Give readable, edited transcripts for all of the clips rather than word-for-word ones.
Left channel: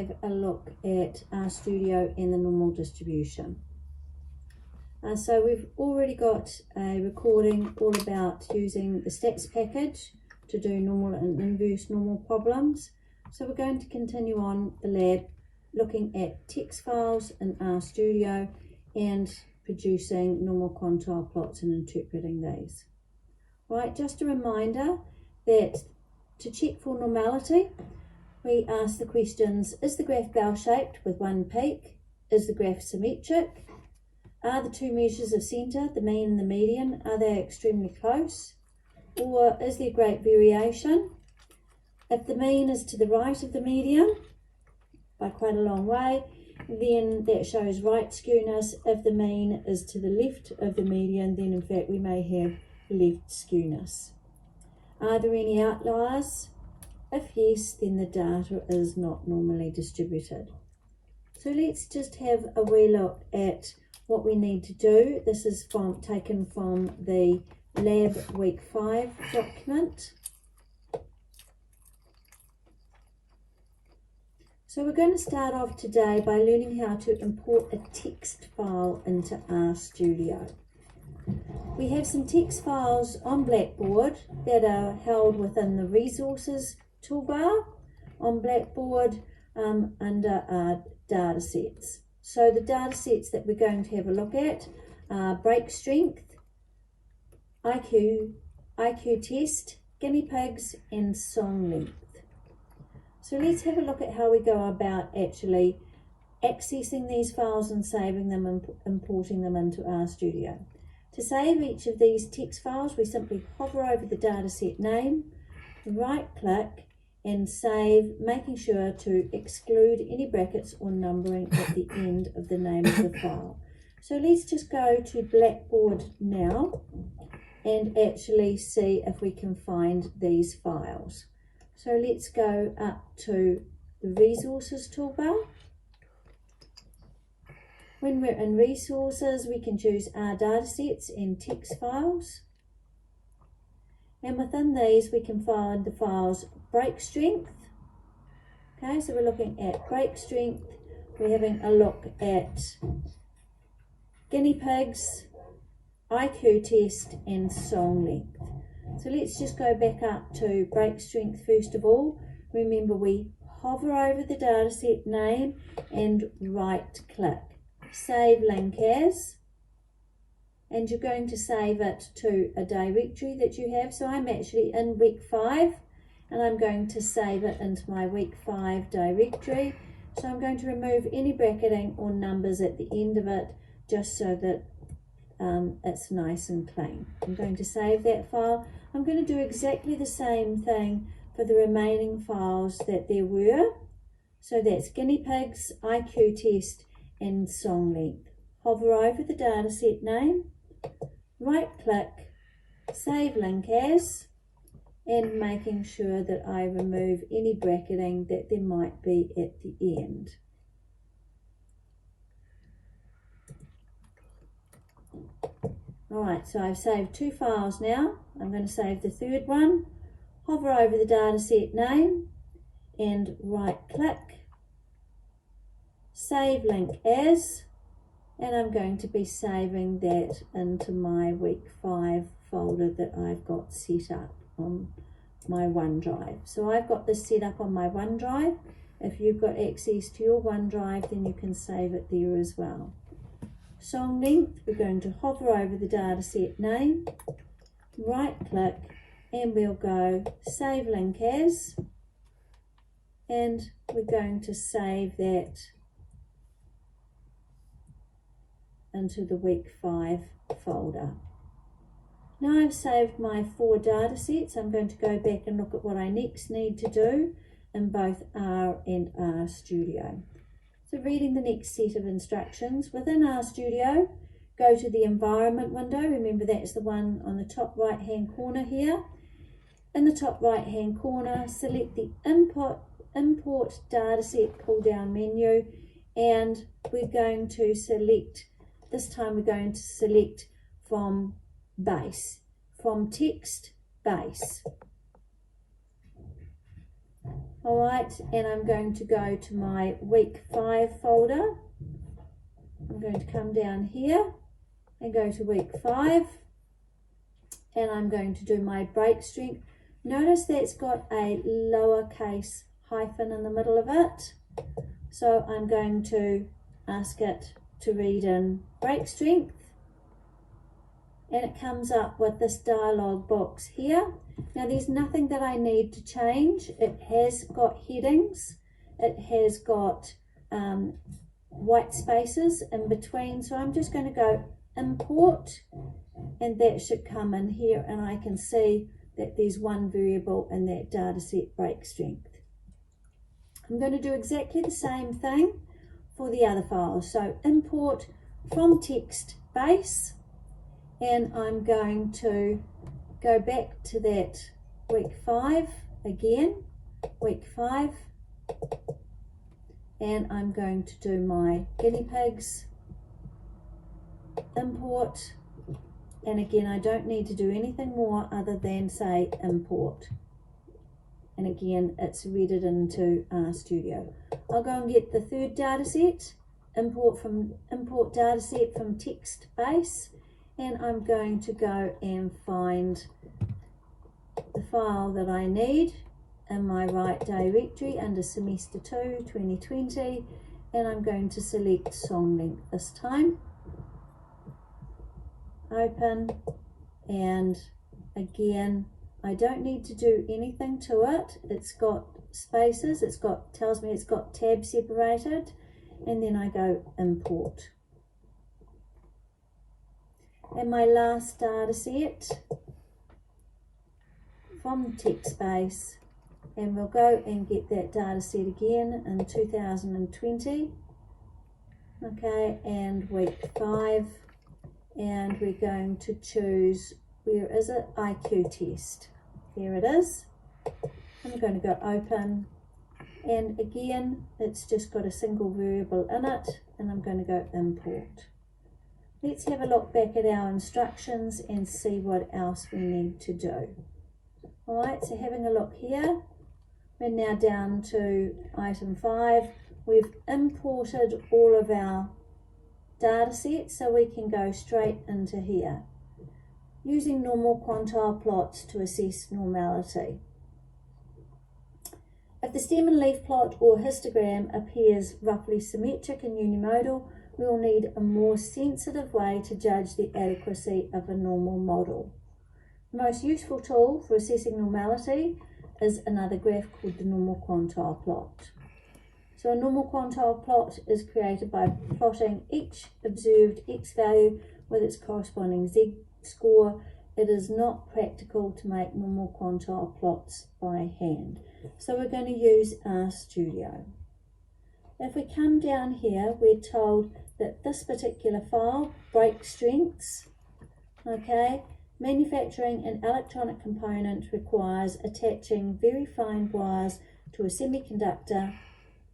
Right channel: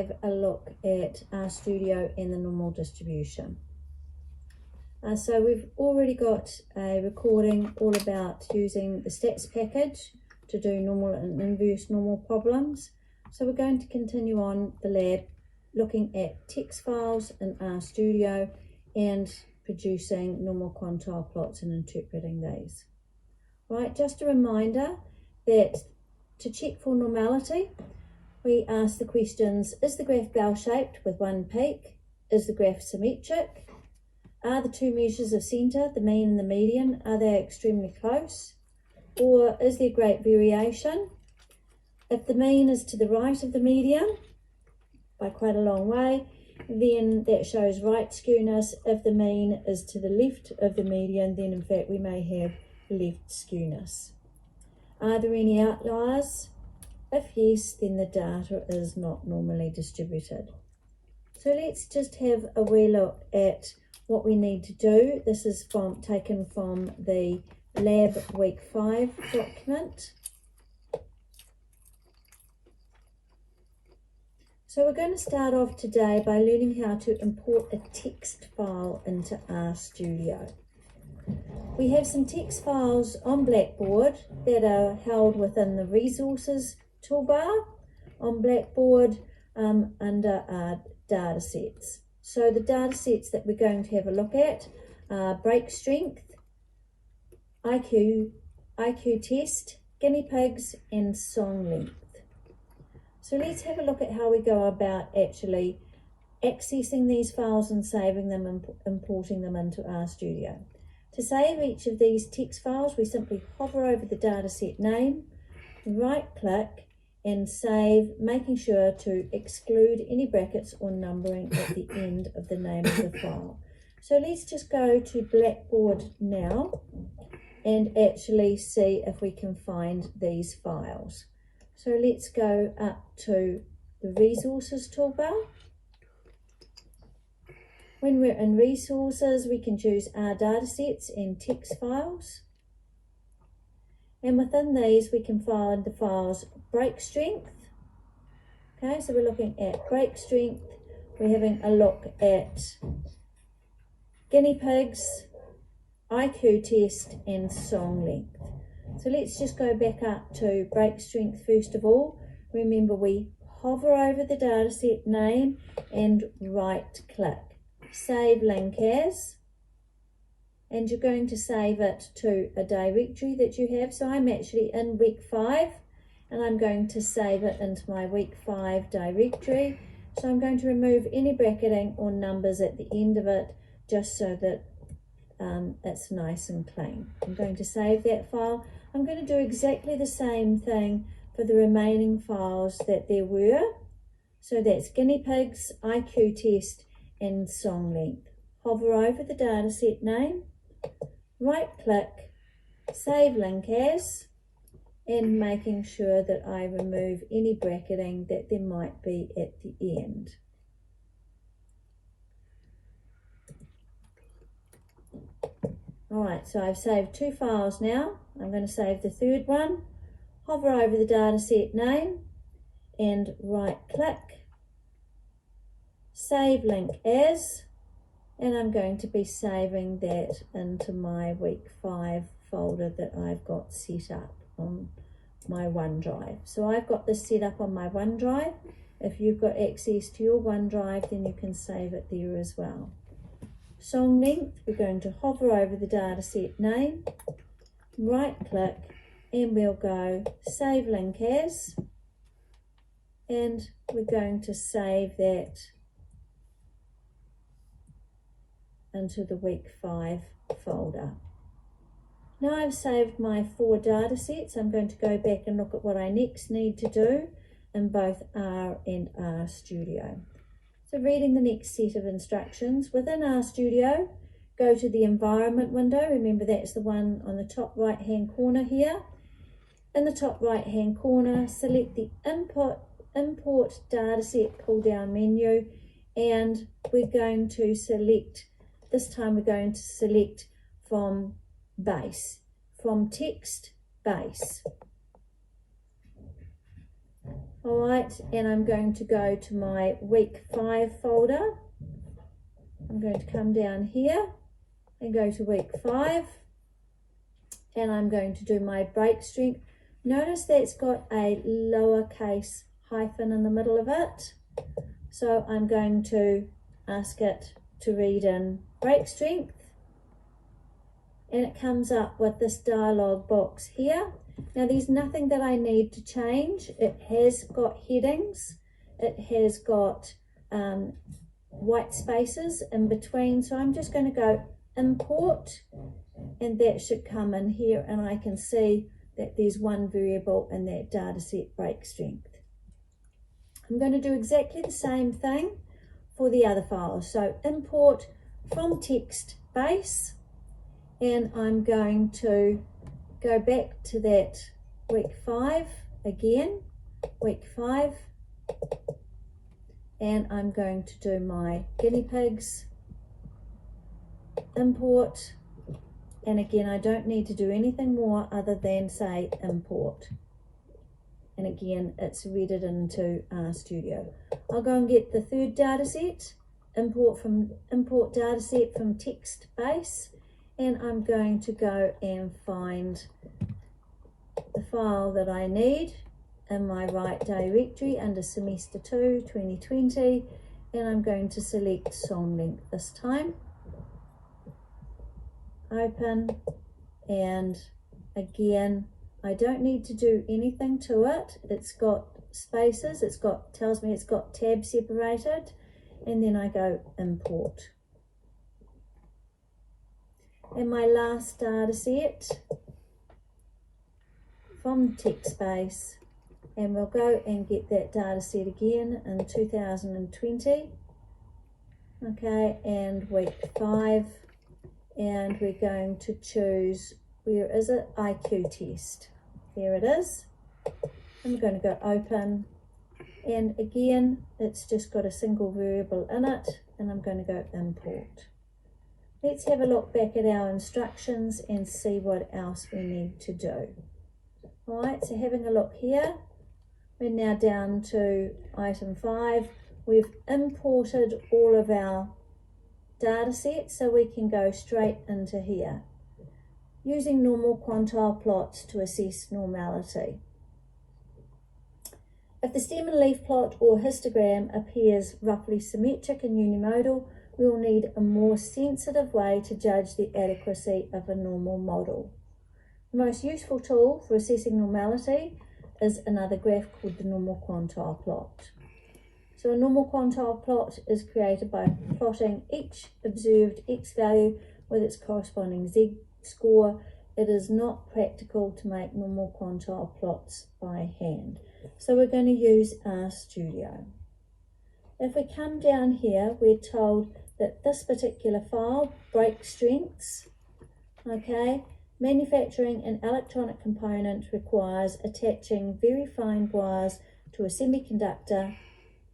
Have a look at RStudio and the normal distribution. So we've already got a recording all about using the stats package to do normal and inverse normal problems. So we're going to continue on the lab looking at text files in RStudio and producing normal quantile plots and interpreting these. Right, just a reminder that to check for normality, we ask the questions: is the graph bell-shaped with one peak? Is the graph symmetric? Are the two measures of centre, the mean and the median, are they extremely close? Or is there great variation? If the mean is to the right of the median by quite a long way, then that shows right skewness. If the mean is to the left of the median, then in fact we may have left skewness. Are there any outliers? If yes, then the data is not normally distributed. So let's just have a wee look at what we need to do. This is taken from the Lab Week 5 document. So we're going to start off today by learning how to import a text file into RStudio. We have some text files on Blackboard that are held within the resources toolbar on Blackboard under our data sets. So the data sets that we're going to have a look at are break strength, IQ test, guinea pigs and song length. So let's have a look at how we go about actually accessing these files and saving them and importing them into RStudio. To save each of these text files, we simply hover over the dataset name, right click and save, making sure to exclude any brackets or numbering at the end of the name of the file. So let's just go to Blackboard now and actually see if we can find these files. So let's go up to the resources toolbar. When we're in resources, we can choose our datasets and text files. And within these, we can find the files break strength. Okay, so we're looking at break strength. We're having a look at guinea pigs, IQ test, and song length. So let's just go back up to break strength first of all. Remember, we hover over the dataset name and right click. Save link as. And you're going to save it to a directory that you have. So I'm actually in week 5 and I'm going to save it into my week 5 directory. So I'm going to remove any bracketing or numbers at the end of it just so that it's nice and clean. I'm going to save that file. I'm going to do exactly the same thing for the remaining files that there were. So that's guinea pigs, IQ test and song length. Hover over the dataset name, right click, save link as, and making sure that I remove any bracketing that there might be at the end. Alright, so I've saved 2 files now. I'm going to save the third one, hover over the dataset name and right click, save link as, and I'm going to be saving that into my week 5 folder that I've got set up on my OneDrive. So I've got this set up on my OneDrive. If you've got access to your OneDrive, then you can save it there as well. Song length, we're going to hover over the dataset name, right click, and we'll go save link as, and we're going to save that into the week 5 folder. Now I've saved my 4 data sets, I'm going to go back and look at what I next need to do in both R and RStudio. So reading the next set of instructions, within RStudio, go to the environment window. Remember that's the one on the top right hand corner here. In the top right hand corner, select the import dataset pull down menu, and we're going to select, this time we're going to select from base, from text base. All right, and I'm going to go to my week 5 folder. I'm going to come down here and go to week 5, and I'm going to do my break strength. Notice that it's got a lowercase hyphen in the middle of it. So I'm going to ask it to read in break strength, and it comes up with this dialog box here. Now there's nothing that I need to change. It has got headings. It has got white spaces in between. So I'm just going to go import, and that should come in here, and I can see that there's one variable in that data set, break strength. I'm going to do exactly the same thing for the other files. So import from text base, and I'm going to go back to that week 5 again, week 5, and I'm going to do my guinea pigs, import, and again I don't need to do anything more other than say import, and again it's read it into RStudio. I'll go and get the third data set, import data set from text base, and I'm going to go and find the file that I need in my right directory under semester 2 2020, and I'm going to select song length this time, open, and again I don't need to do anything to it. It's got spaces, tells me it's got tabs separated, and then I go import. And my last data set from text base, and we'll go and get that data set again in 2020. Okay, and week 5, and we're going to choose, where is it? IQ test. There it is. I'm going to go open, and again it's just got a single variable in it, and I'm going to go import. Let's have a look back at our instructions and see what else we need to do. All right, so having a look here, we're now down to item 5. We've imported all of our data sets, so we can go straight into here. Using normal quantile plots to assess normality. If the stem and leaf plot or histogram appears roughly symmetric and unimodal, we will need a more sensitive way to judge the adequacy of a normal model. The most useful tool for assessing normality is another graph called the normal quantile plot. So a normal quantile plot is created by plotting each observed x value with its corresponding z score. It is not practical to make normal quantile plots by hand. So we're going to use RStudio. If we come down here, we're told that this particular file, break strengths, okay, manufacturing an electronic component requires attaching very fine wires to a semiconductor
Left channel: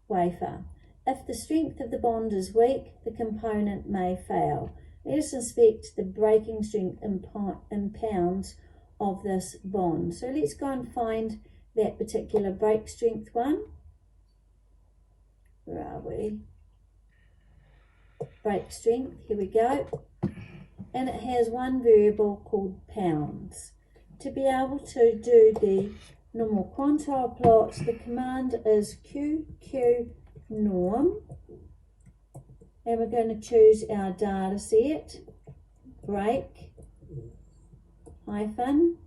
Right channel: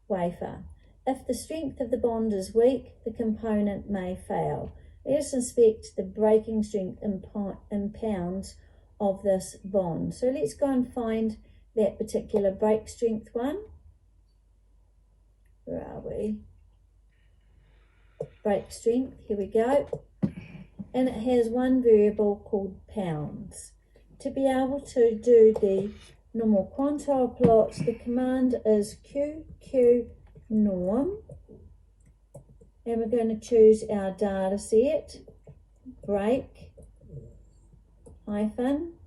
wafer. If the strength of the bond is weak, the component may fail. Let us inspect the breaking strength in pounds of this bond. So let's go and find that particular break strength one. Where are we? Break strength, here we go. And it has one variable called pounds. To be able to do the normal quantile plots, the command is QQ norm. And we're going to choose our data set, break, hyphen,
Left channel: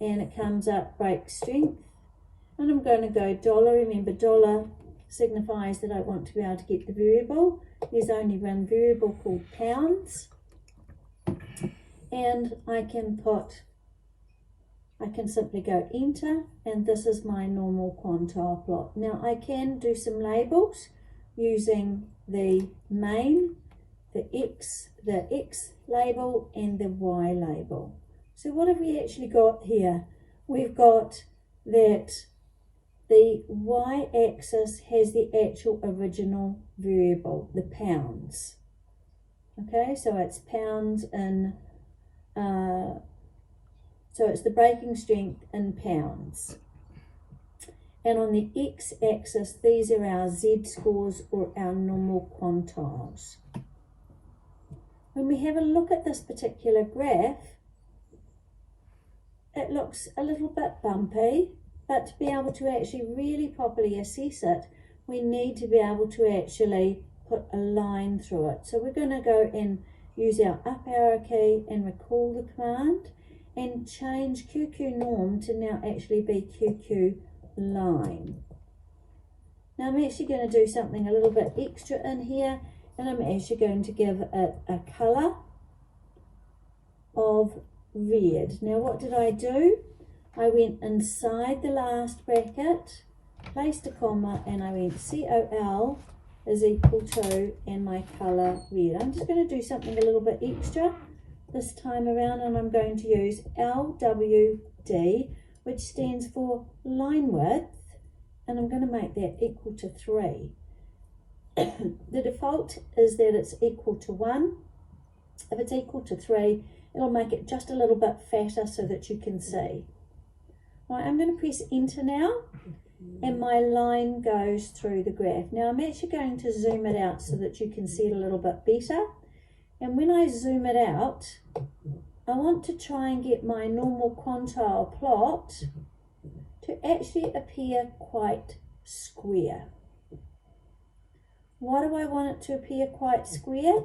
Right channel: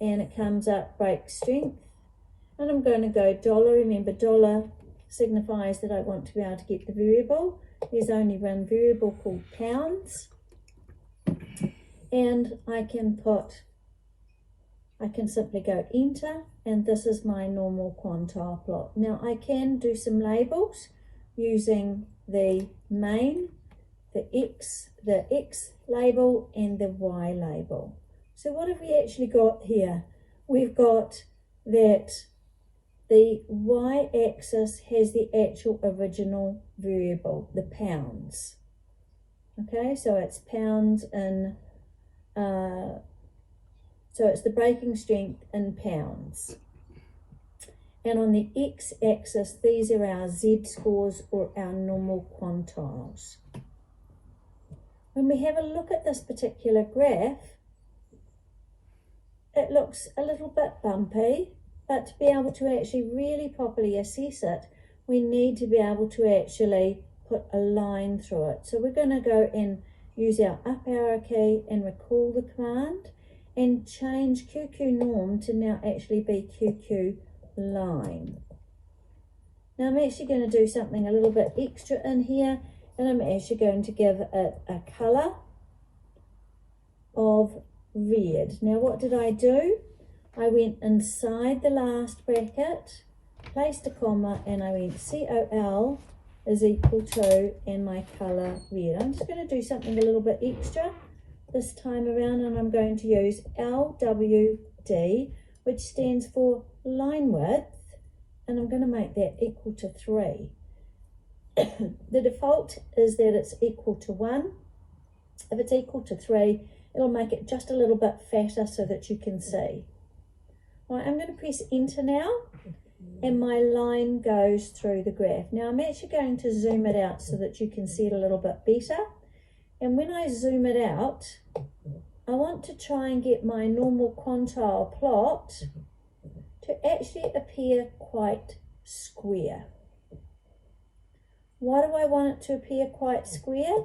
and it comes up break strength. And I'm going to go dollar. Remember, dollar signifies that I want to be able to get the variable. There's only one variable called pounds. And I can simply go enter, and this is my normal quantile plot. Now I can do some labels using the main, the X label, and the Y label. So what have we actually got here? We've got that the Y-axis has the actual original variable, the pounds. Okay, so it's pounds in, so it's the breaking strength in pounds. And on the x-axis, these are our z-scores or our normal quantiles. When we have a look at this particular graph, it looks a little bit bumpy, but to be able to actually really properly assess it, we need to be able to actually put a line through it. So we're going to go and use our up arrow key and recall the command and change QQ norm to now actually be QQ line. Now I'm actually going to do something a little bit extra in here, and I'm actually going to give it a colour of red. Now what did I do? I went inside the last bracket, placed a comma, and I went COL is equal to, and my colour red. I'm just going to do something a little bit extra this time around, and I'm going to use LWD, which stands for line width, and I'm going to make that equal to 3. The default is that it's equal to 1. If it's equal to 3, it'll make it just a little bit fatter so that you can see. Right, I'm going to press enter now, and my line goes through the graph. Now I'm actually going to zoom it out so that you can see it a little bit better. And when I zoom it out, I want to try and get my normal quantile plot to actually appear quite square. Why do I want it to appear quite square?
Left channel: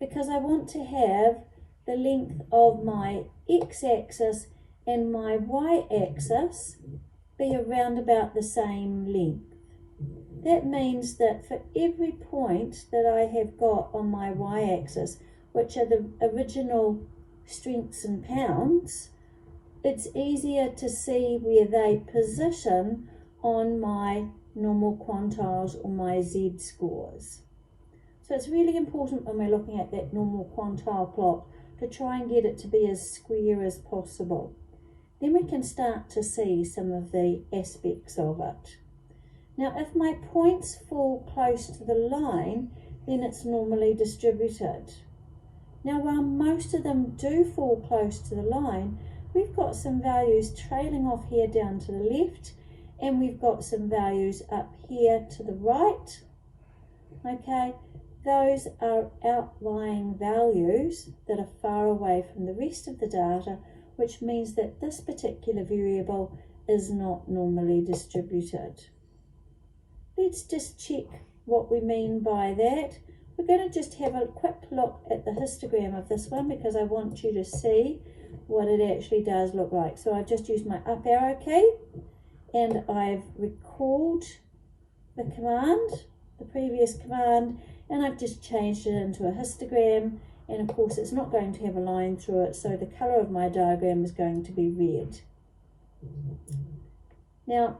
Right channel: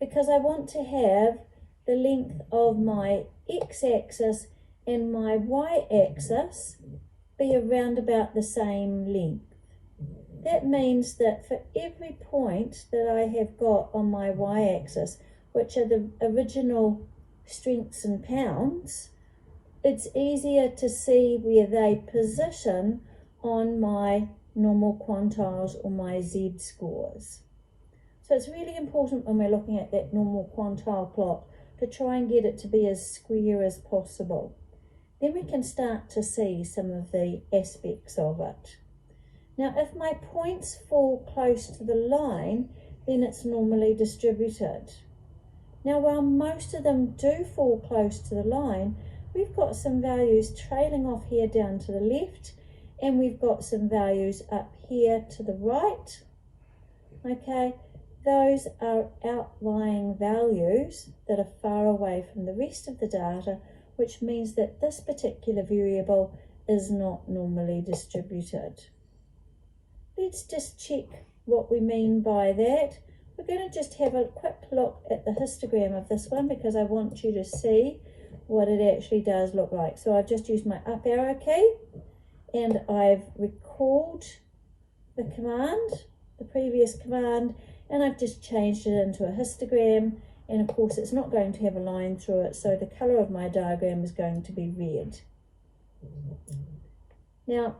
Because I want to have the length of my x-axis and my y-axis be around about the same length. That means that for every point that I have got on my y-axis, which are the original strengths in pounds, it's easier to see where they position on my normal quantiles or my z-scores. So it's really important when we're looking at that normal quantile plot to try and get it to be as square as possible. Then we can start to see some of the aspects of it. Now if my points fall close to the line, then it's normally distributed. Now while most of them do fall close to the line, we've got some values trailing off here down to the left, and we've got some values up here to the right. Okay, those are outlying values that are far away from the rest of the data, which means that this particular variable is not normally distributed. Let's just check what we mean by that. We're going to just have a quick look at the histogram of this one because I want you to see what it actually does look like. So I've just used my up arrow key and I've recalled the command, the previous command, and I've just changed it into a histogram, and of course it's not going to have a line through it, so the colour of my diagram is going to be red. Now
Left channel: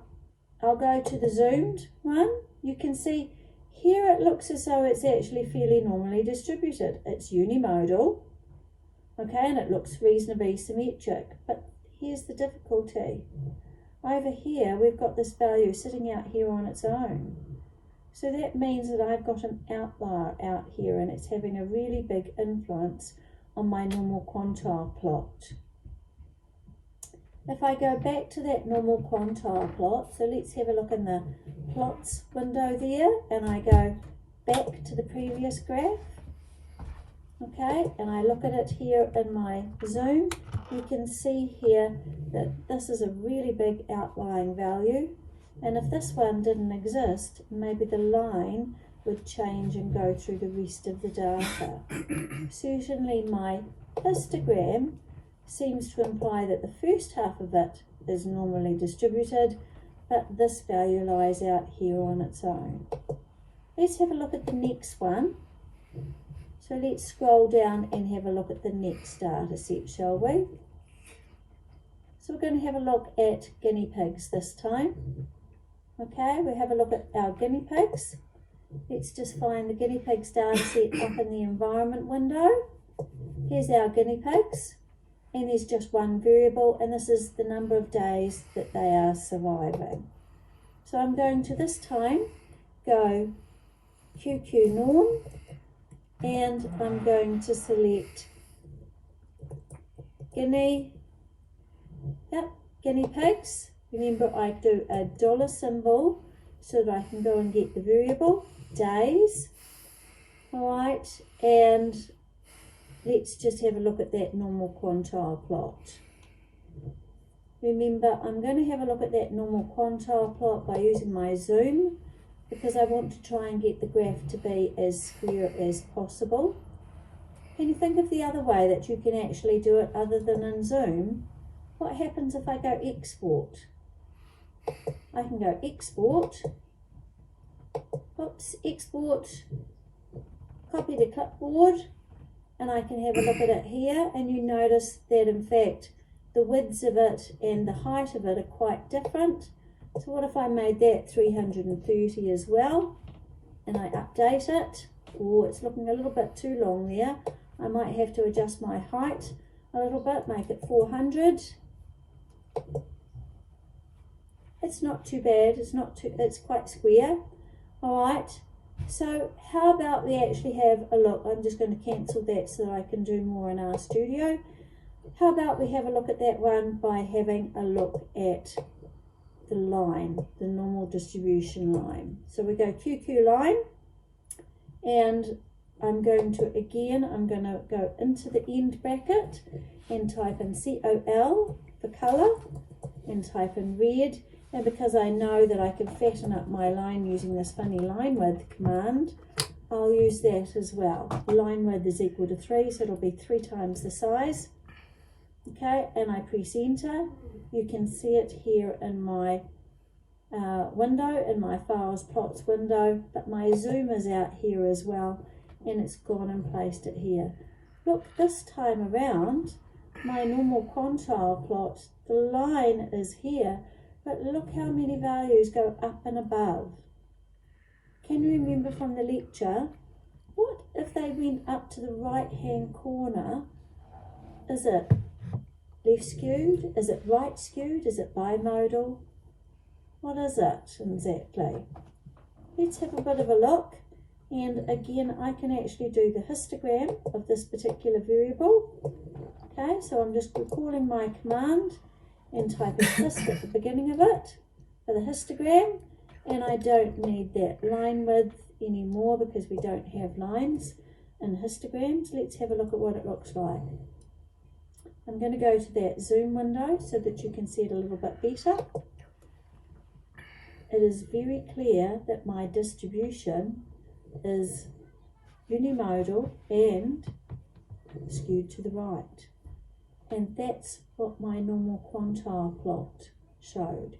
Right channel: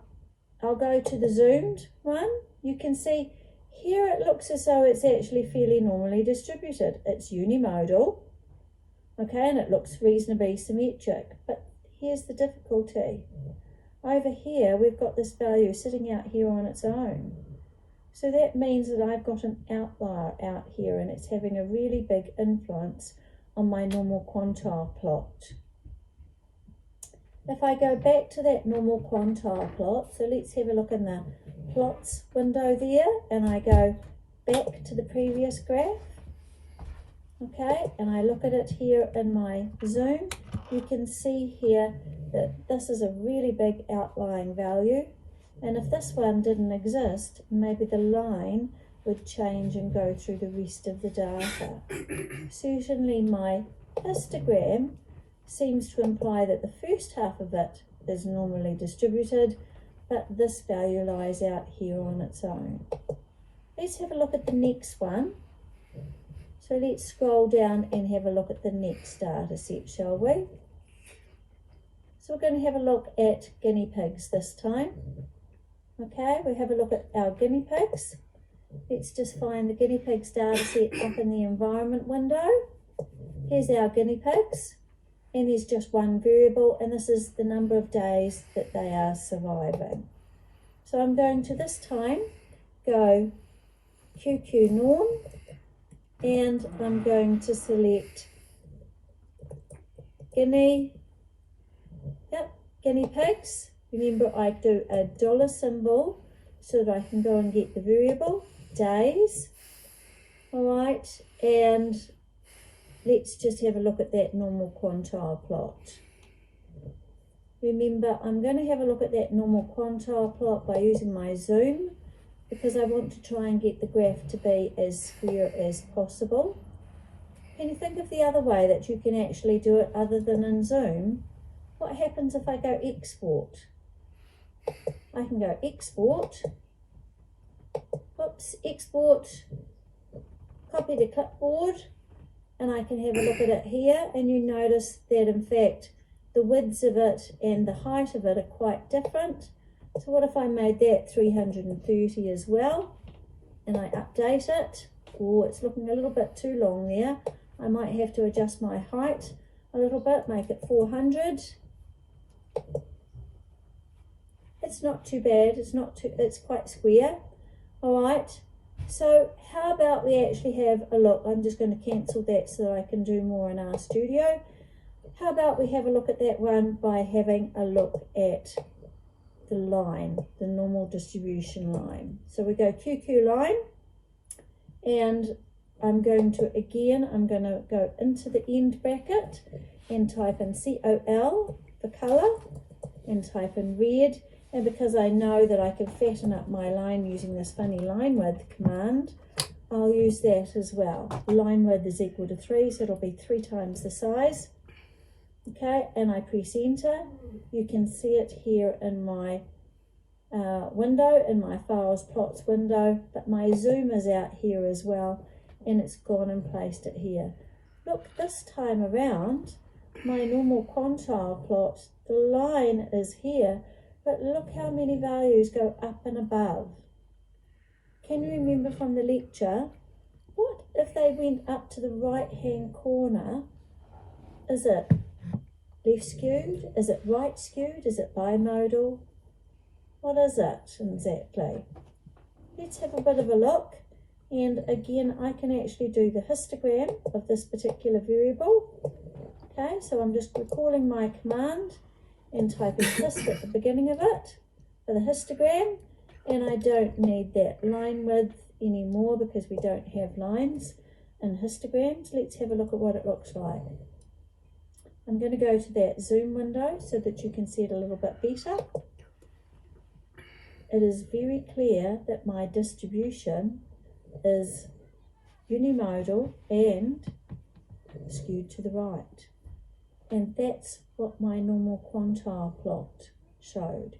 I'll go to the zoomed one. You can see here it looks as though it's actually fairly normally distributed. It's unimodal, okay, and it looks reasonably symmetric, but here's the difficulty. Over here we've got this value sitting out here on its own. So that means that I've got an outlier out here, and it's having a really big influence on my normal quantile plot. If I go back to that normal quantile plot, so let's have a look in the plots window there, and I go back to the previous graph, okay, and I look at it here in my zoom, you can see here that this is a really big outlying value. And if this one didn't exist, maybe the line would change and go through the rest of the data. Certainly my histogram seems to imply that the first half of it is normally distributed, but this value lies out here on its own. Let's have a look at the next one. So let's scroll down and have a look at the next data set, shall we? So we're going to have a look at guinea pigs this time. Okay, we have a look at our guinea pigs. Let's just find the guinea pigs data set up in the environment window. Here's our guinea pigs, and there's just one variable, and this is the number of days that they are surviving. So I'm going to this time go QQ norm, and I'm going to select guinea pigs, Remember, I do a dollar symbol so that I can go and get the variable, days. All right, and let's just have a look at that normal quantile plot. Remember, I'm going to have a look at that normal quantile plot by using my zoom because I want to try and get the graph to be as square as possible. Can you think of the other way that you can actually do it other than in zoom? What happens if I go export? I can go export, oops, export, copy to clipboard, and I can have a look at it here, and you notice that in fact the widths of it and the height of it are quite different. So what if I made that 330 as well, and I update it? Oh, it's looking a little bit too long there. I might have to adjust my height a little bit, make it 400. It's not too bad, it's quite square. All right, so how about we actually have a look? I'm just going to cancel that so that I can do more in our studio. How about we have a look at that one by having a look at the line, the normal distribution line. So we go QQ line, and I'm going to go into the end bracket and type in COL for colour and type in red. And because I know that I can fatten up my line using this funny line width command, I'll use that as well. Line width is equal to 3, so it'll be 3 times the size. Okay, and I press enter. You can see it here in my window, in my files plots window, but my zoom is out here as well, and it's gone and placed it here. Look, this time around, my normal quantile plot, the line is here, but look how many values go up and above. Can you remember from the lecture, what if they went up to the right hand corner? Is it left skewed? Is it right skewed? Is it bimodal? What is it exactly? Let's have a bit of a look. And again, I can actually do the histogram of this particular variable. Okay, so I'm just recalling my command and typing hist at the beginning of it for the histogram. And I don't need that line width anymore because we don't have lines in histograms. Let's have a look at what it looks like. I'm going to go to that zoom window so that you can see it a little bit better. It is very clear that my distribution is unimodal and skewed to the right. And that's what my normal quantile plot showed.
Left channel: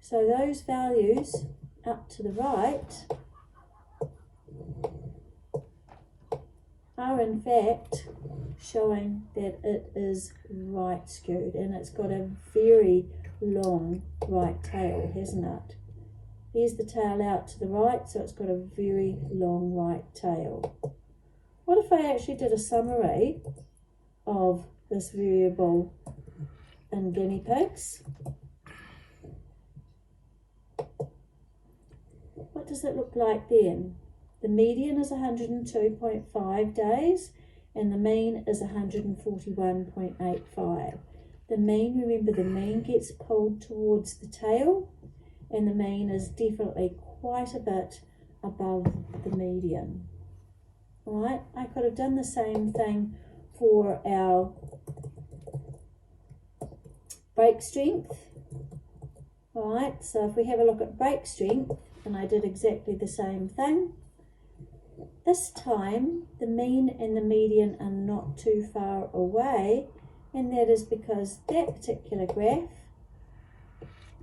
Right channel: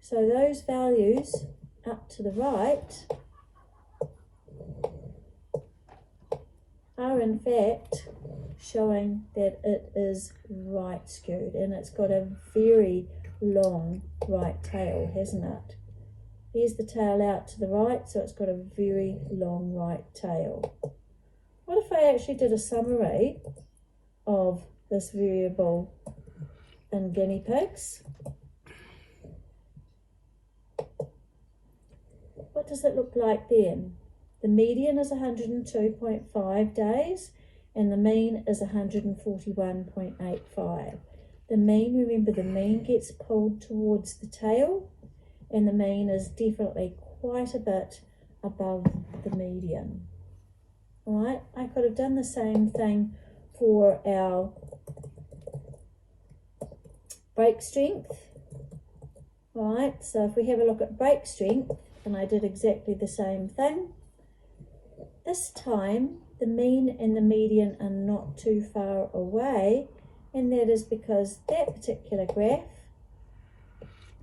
So those values up to the right are in fact showing that it is right skewed, and it's got a very long right tail, hasn't it? Here's the tail out to the right, so it's got a very long right tail. What if I actually did a summary of this variable in guinea pigs? What does it look like then? The median is 102.5 days and the mean is 141.85. The mean, remember, the mean gets pulled towards the tail, and the mean is definitely quite a bit above the median. All right, I could have done the same thing for our break strength. All right, so if we have a look at break strength, and I did exactly the same thing, this time the mean and the median are not too far away, and that is because that particular graph,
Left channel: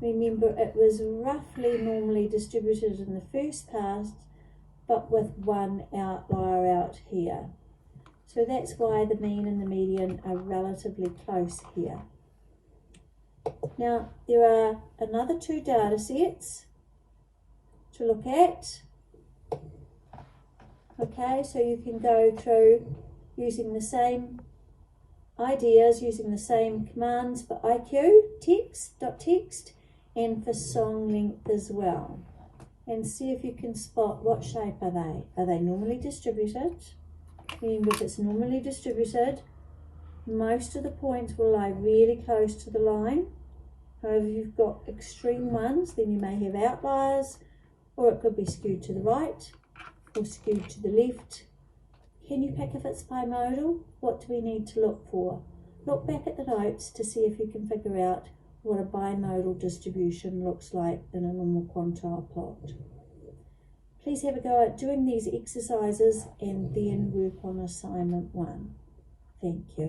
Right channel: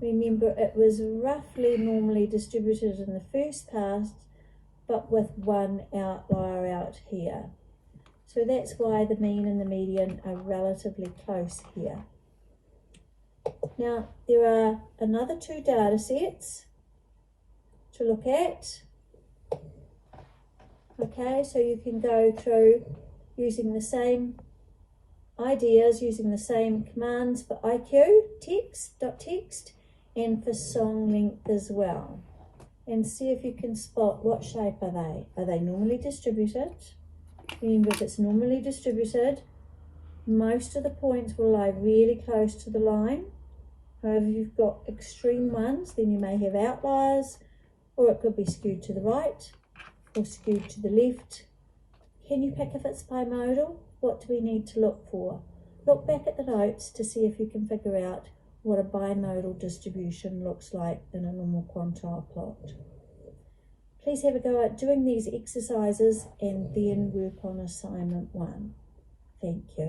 remember, it was roughly normally distributed in the first pass, but with one outlier out here. So that's why the mean and the median are relatively close here. Now, there are another 2 data sets to look at. Okay, so you can go through using the same ideas, using the same commands for IQ, text, and for song length as well. And see if you can spot what shape are they. Are they normally distributed? Remember, if it's normally distributed, most of the points will lie really close to the line. However, if you've got extreme ones, then you may have outliers, or it could be skewed to the right or skewed to the left. Can you pick if it's bimodal? What do we need to look for? Look back at the notes to see if you can figure out what a bimodal distribution looks like in a normal quantile plot. Please have a go at doing these exercises and then work on assignment 1. Thank you.